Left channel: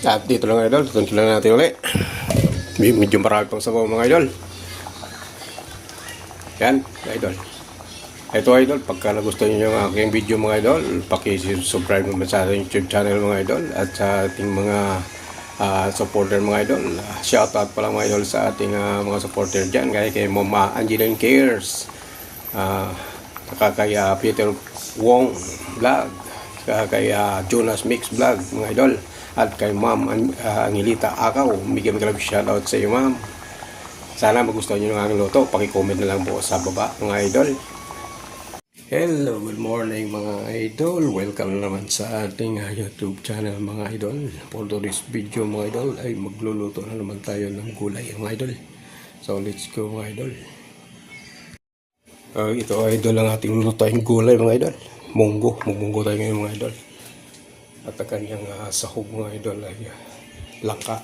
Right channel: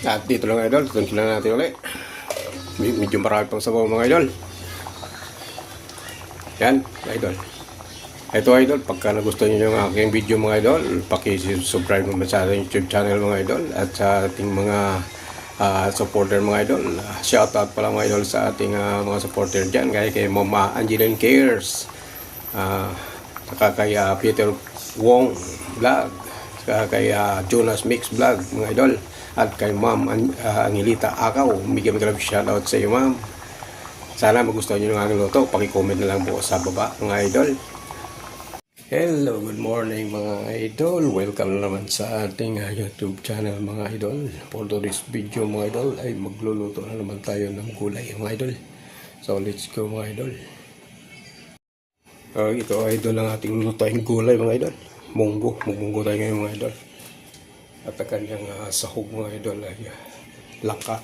At dito lang idol, tunto lang natin ulit. Medyo marami pang sabaw mga idol. Yan, idol. Ito idol, pagka nagustuhan nyo yung aking video mga idol, paki-subscribe naman sa ating YouTube channel mga idol at sa ating mga supporter mga idol. Shoutout pa lang mga idol sa ating mga supporter dyan, kaya kay Mama Angeline Cares, saka kay Peter Wong Vlog, saka kay Jonas Mix Vlog mga idol, at kay Ma'am Angelita Akaw. Bigyan mo shoutout sa iyo ma'am. Sana magustuhan nyo ng aking luto. Paki-comment na lang po sa baba mga idol. Hello, good morning mga idol. Welcome naman sa ating YouTube channel mga idol. For today's video mga idol ay magluluto na naman tayo ng gulay mga idol. So let's go mga idol. Ito idol ang ating lulutuin gulay mga idol. Munggo tayo ngayon mga idol. At ang kanyang sahog mga idol ay langka.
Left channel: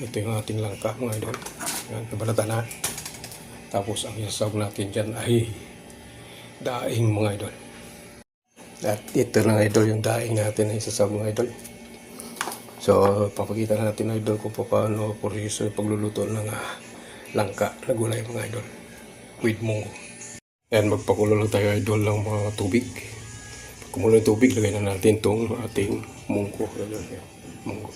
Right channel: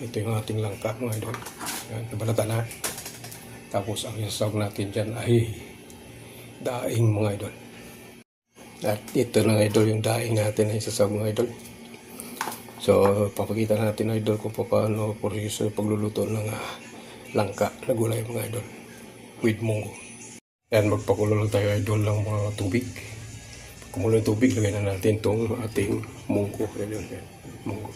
Ito yung ating langka mga idol. Nabalatan na. Tapos ang sahog natin dyan ay daing mga idol. At ito na idol yung daing natin ay sasawag mga idol. So papakita natin idol kung paano proseso yung pagluluto ng langka na gulay mga idol with munggo. Yan, magpakulo lang tayo idol ng mga tubig. Pag kumulo yung tubig, lagay na natin itong ating munggo idol. Yan, munggo.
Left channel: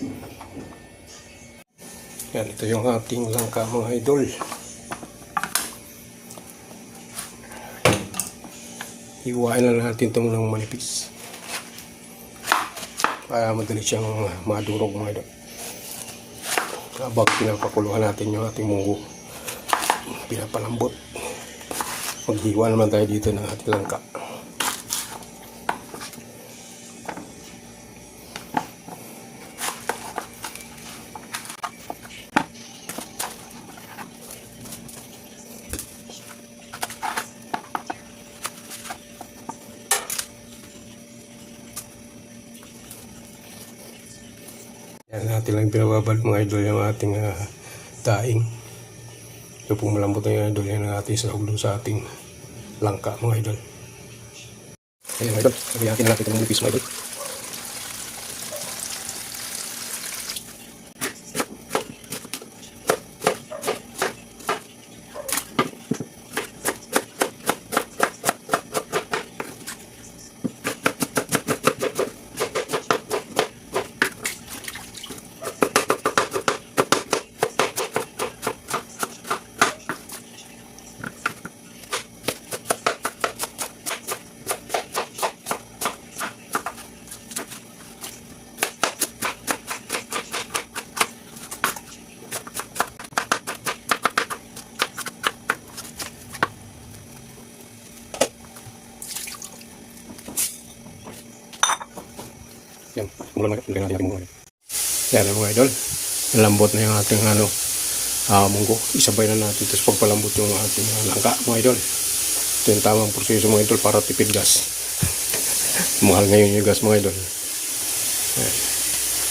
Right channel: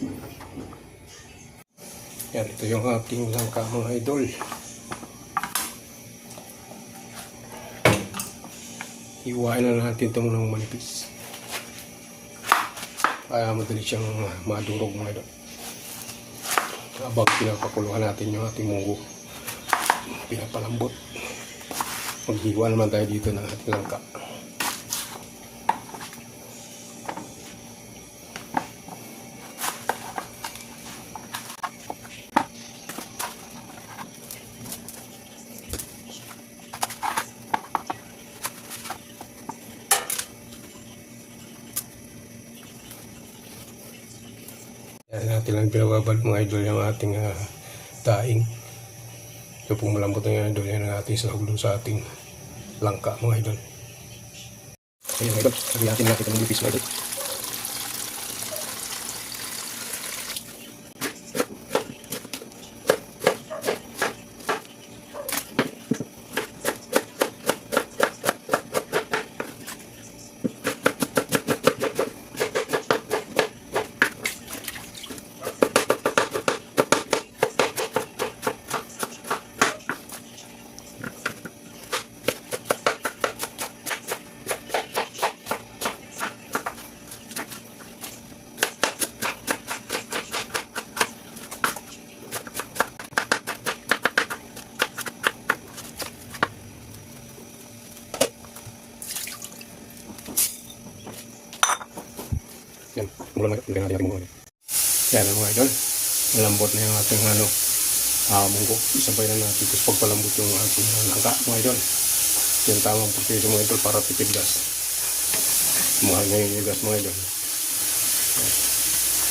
Yan, ito yung ating langka mga idol. Iwain na natin itong ng manipis para madali siyang madurog mga idol. Habang pinapakuluhan natin yung ating munggo, pinapalambot, maghiwa naman tayo dito ng ating langka. Yan natin lang pinababad mga idol yung ating daing. So kung malambot na yung idol, yan ang ating sahog sa ating langka mga idol. Ayan idol, natin natin itong nipis mga idol. Yan, mula natin natin mga idol. Yan mga idol, nalambot na yung ating munggo. Isabay na natin, tapos pagpalambot yung ating langka mga idol. Ito yung tamang proseso mga idol para tipid gas. Mahal ngayon yung gas mga idol. Yan.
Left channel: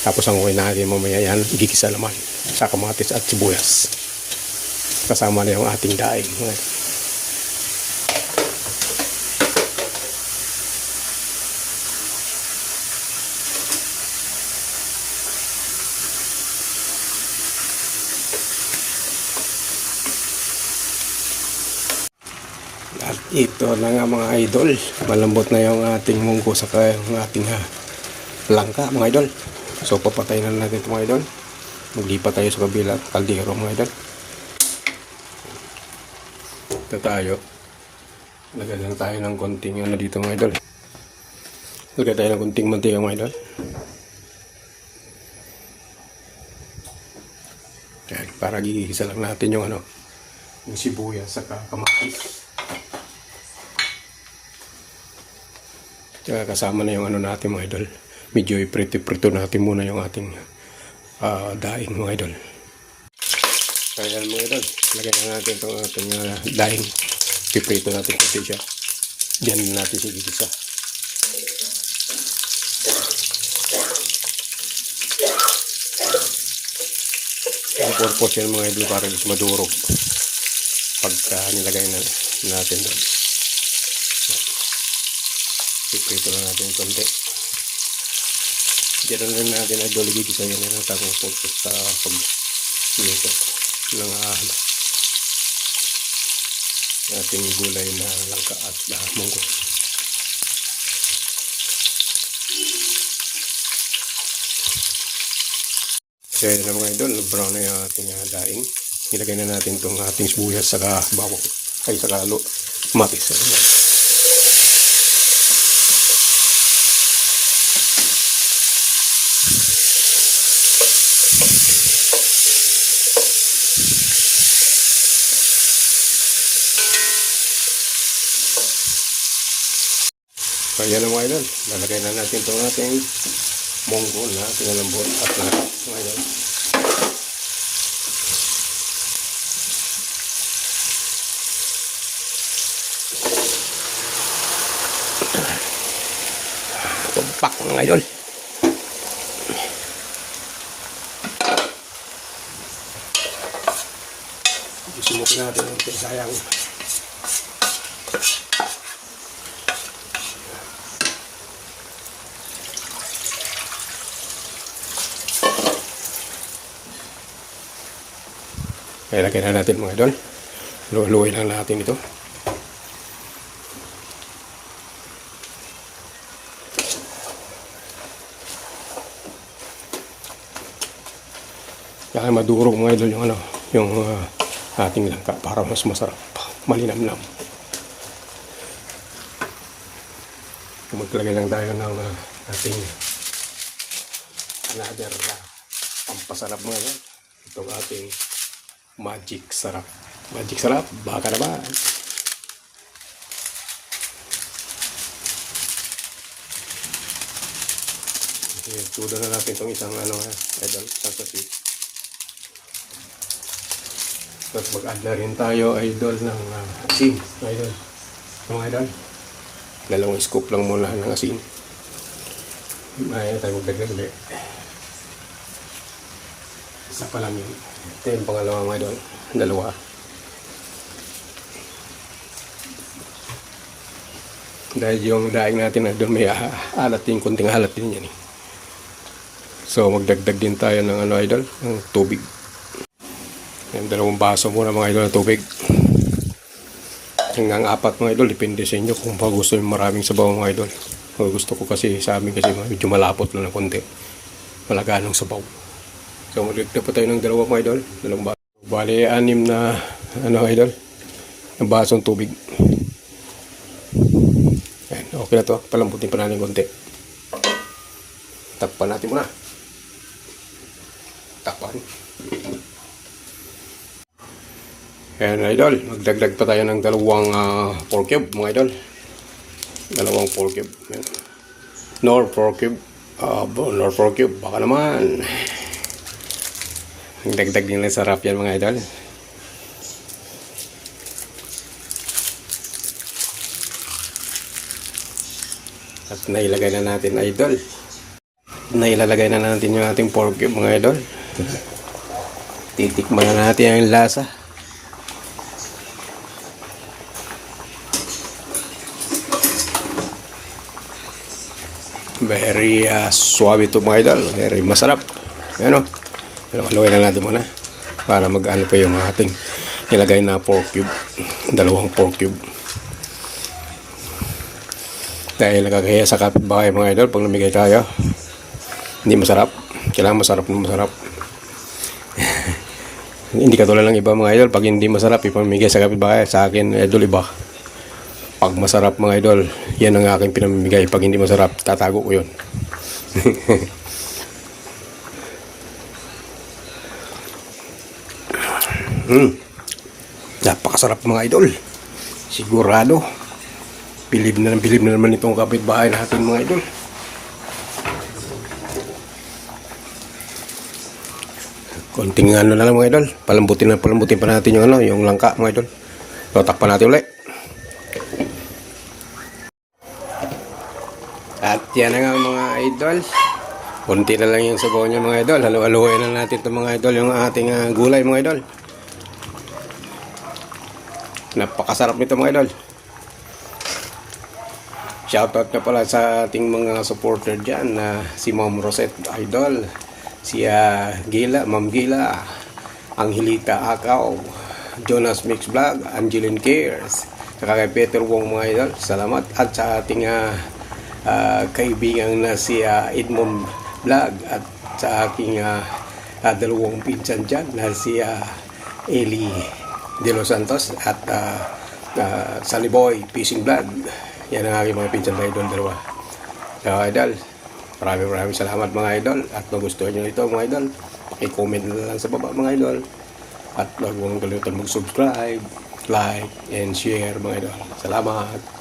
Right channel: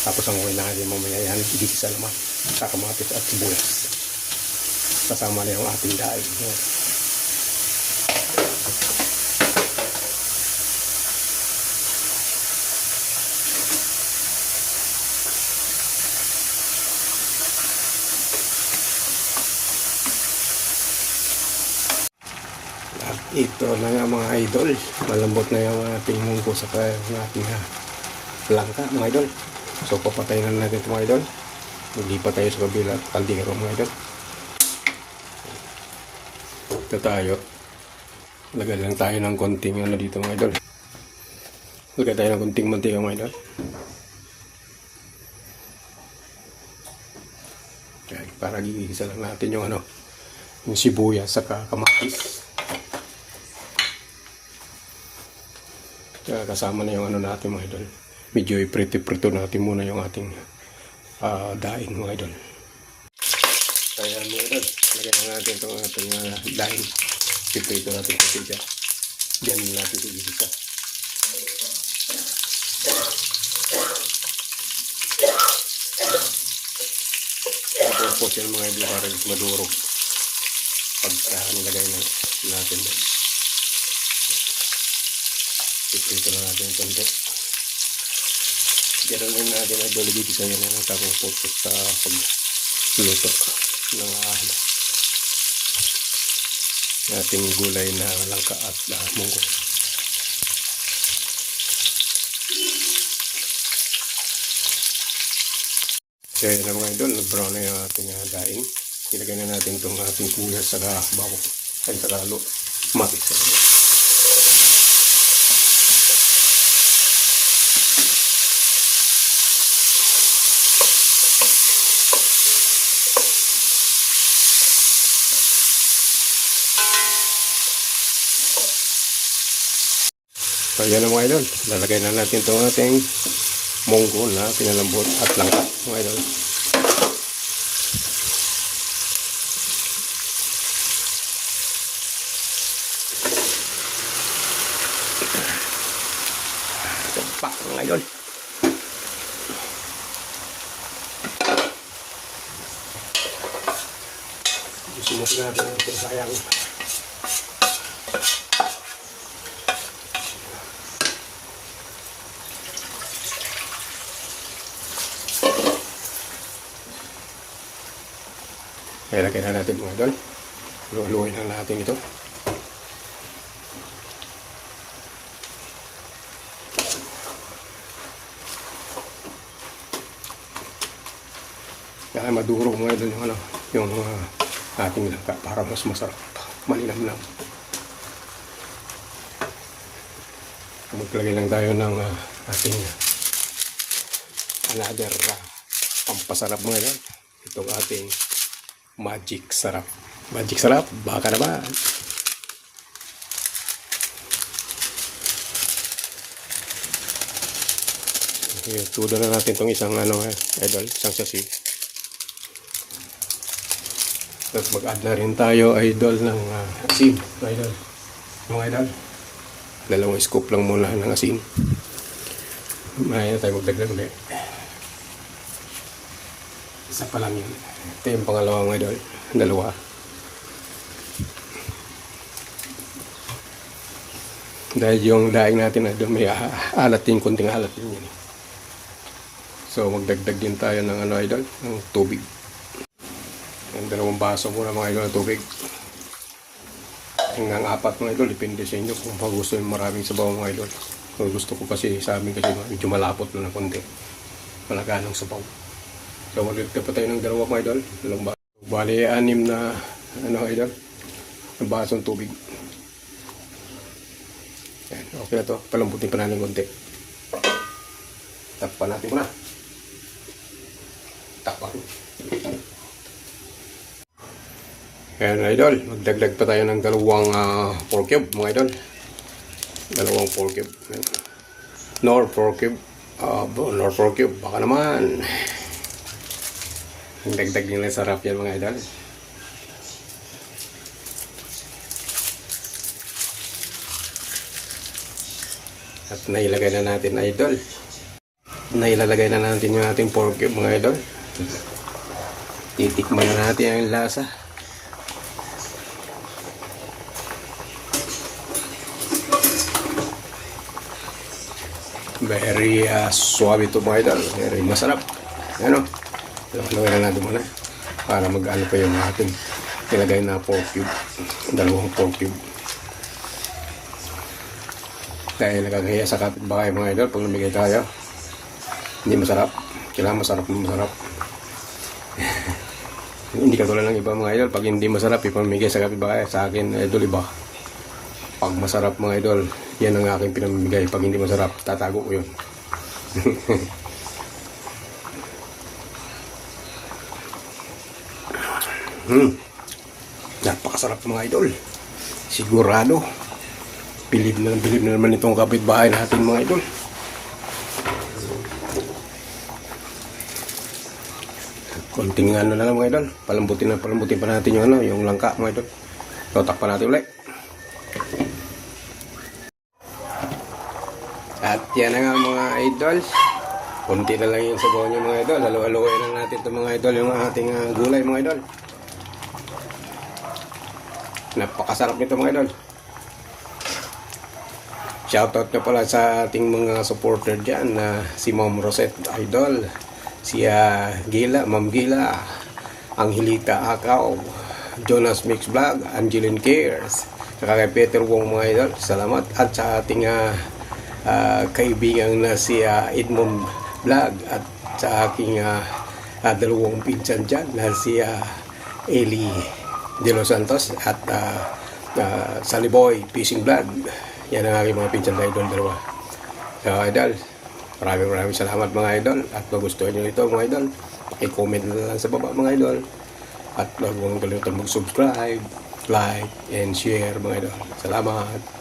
Tapos ang okay natin mamaya yan, igigisa naman sa kamatis at sibuyas. Kasama na yung ating daing mga idol. Ito na nga mga idol, malambot na yung ating munggo saka yung ating langka mga idol. So papatayin na natin ito mga idol. Maglipat tayo sa kabila at kaldero mga idol. Ito tayo. Lagay lang tayo ng konting dito mga idol. Lagay tayo ng konting mantika mga idol. Yan, para gigisa lang natin yung yung sibuyas saka kamatis. Kaya kasama na yung natin mga idol. Medyo iprito natin muna yung ating daing mga idol. Kaya mga idol, lagyan na natin itong ating daing. Iprito natin kasi siya. Diyan natin sigigisa. Ang purpose yan mga idol para madurog pagka nilagay na natin doon. Ito lang natin yung konti. Diyan meron rin natin ay dolibiti tayo na ng tamang purpose sa pag-luto ng ating gulay na langka at munggo. Kaya na mga idol, brown na yung ating daing. Ilagay na natin itong ating sibuyas saka bawang ay saka matis. So yan na mga idol, lalagay na natin itong ating munggo na pinalambot at langka mga idol. Tumpak mga idol. Isulok natin ang sayang. Kaya lagyan na natin mga idol. Luluin lang natin ito. Kaya madurog mga idol yung ating langka para mas masarap, malinamnam. Maglagay lang tayo ng ating another pampasarap mga idol. Ito ating magic sarap. Magic sarap, baka naman. Tuda na natin itong isang idol, isang sasi. Tapos mag-add na rin tayo idol ng asin. Idol, mga idol. 2 scoop lang muna ng asin. May tayo magdagdag ulit. Isa pa lang yun. Ito yung pangalawang idol. 2. Dahil yung daing natin na doon may alat din, kunting alat din yan. So magdagdag din tayo ng idol, ng tubig. Yung 2 baso muna mga idol ng tubig. Hanggang 4 mga idol, depende sa inyo kung gusto yung maraming sabaw mga idol. O gusto ko kasi sa amin kasi medyo malapot lang ng konti. Malagaan ng sabaw. So magdagdag pa tayo ng 2 mga idol. 2 baso. Bali 6 na idol, ng basong tubig. Ayan, okay na to. Palambutin pa natin konti. Takpan natin muna. Takpan. Ayan idol, magdagdag pa tayo ng 2 pork cube mga idol. 2 pork cube. Ayan. Nor pork cube. Nor pork cube. Baka naman. Dagdag din lang sarap yan mga idol. At nailagay na natin idol. Nailalagay na natin yung ating pork cube mga idol. Titikman na natin ang lasa. Very suave ito mga idol. Very masarap. Ano? Haluin na natin muna para mag-ano pa yung ating nilagay na pork cube. 2 pork cube. Dahil nakakaya sa kapitbahay mga idol pag namigay tayo. Hindi masarap. Kailangan masarap na masarap. Hindi katulad ng iba mga idol. Pag hindi masarap, ipamigay sa kapitbahay. Sa akin, idol, iba. Pag masarap mga idol, yan ang aking pinamimigay. Pag hindi masarap, tatago ko yun. Napakasarap mga idol. Sigurado. Bilib na naman itong kapitbahay natin mga idol. Konting na lang mga idol. Palambutin pa natin yung langka mga idol. So, takpan natin ulit. At yan na nga mga idol. Kunti na lang yung sabaw niya mga idol. Halu-haluin na natin itong mga idol, yung ating gulay mga idol. Napakasarap nito mga idol. Shoutout na pala sa ating mga supporter dyan na si Ma'am Rosette Idol, si Gila, Ma'am Gila, Angelita Akaw, Jonas Mix Vlog, Angeline Cares, saka kay Peter Wong mga idol. Salamat. At sa ating kaibigan na si Edmond Vlog at sa aking dalawang pinsan dyan na si Eli De Los Santos at Saliboy Fishing Vlog. Yan ang aking mga pinsan na idol dalawa. So idol, maraming salamat mga idol. At magustuhan nyo ito mga idol, paki-comment na lang sa baba mga idol. At huwag mong kalimutan mag-subscribe, like, and share mga idol. Salamat.